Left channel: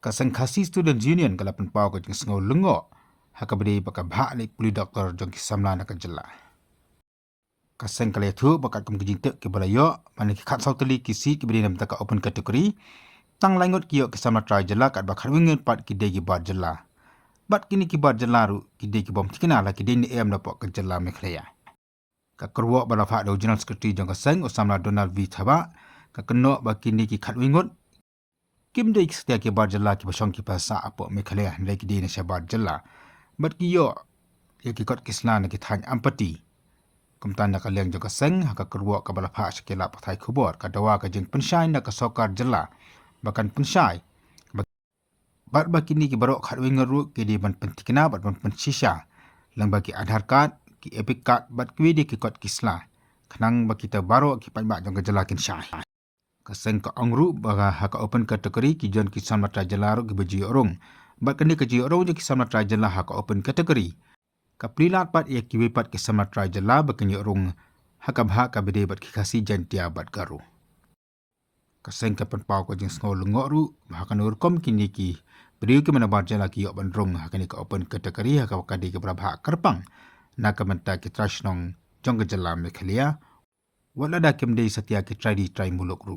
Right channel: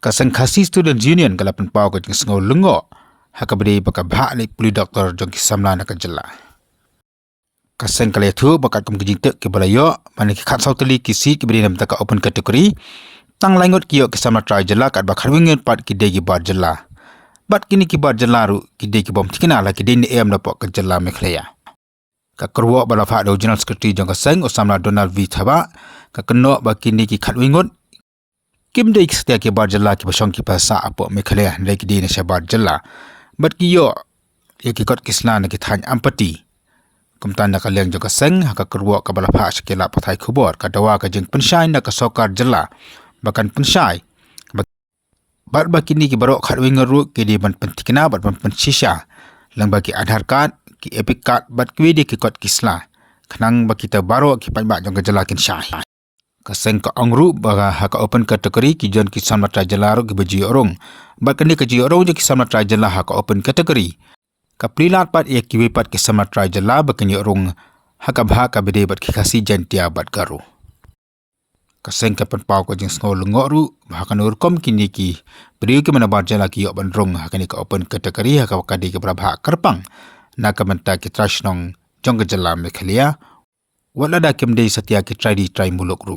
Kasengkasi Student Union kalapan pau ke jeng sengau lengo hakabade baka bha ni puli doktor jong kisamla nak jela. Kaseng kali tu bakat kum kijing tek ke balayo mani ki khat sauteli ki seat ki bade nam taka open category tang langot kiyo kisamla try jela kat bakar wingen pat ki degi bar jela. Bat kini ki bar jela ru ki degi bom tikina la ki deni em dapat ke jela mekhlaya. Ka kerwa bala fa do general secretary jong kaseng Osamla Donald V Thaba ka keno ba kini ki khat wingot Kim dei setia ke bar jela ki basong ki pasa apa mekhlaya ndai ki deni sha bar jela. Bat kiyo ye ki kot kisna na ki thany ampati. Kumtan nak liang jong kaseng haka kerwa ka bala fa sekela pathai khubor ka dawa ka jeng pensyai na ka sokar jela. Bahkan pensyai bat bakini ki barok khat wingot ru ki di ban pentikna bat ban pensisha lang bagi Aadhaar card ki epic card bat kwidi ki kot kisla khnang baki ta baro ki panba jong jela kin syai kaseng ka angru baga haka open category ki jon ki samatra jela ro ki beji orong bat kini ka ji orong je ki samatra jela haka open category ka prilat pat ye ki wipat ki samatra jela bakini orong haka bha ka bede bat ki khasi jantia bat garu kaseng ka pen pau ko jeng ngol ngoru haka nur kom kini ki beri ki mana bar jela ki yo ban rong haka ni ka open category haka ka di ki brabha karpang na ka menta ki trashnong jong jela mekhalia wala da kem dei setia ki try muluk ru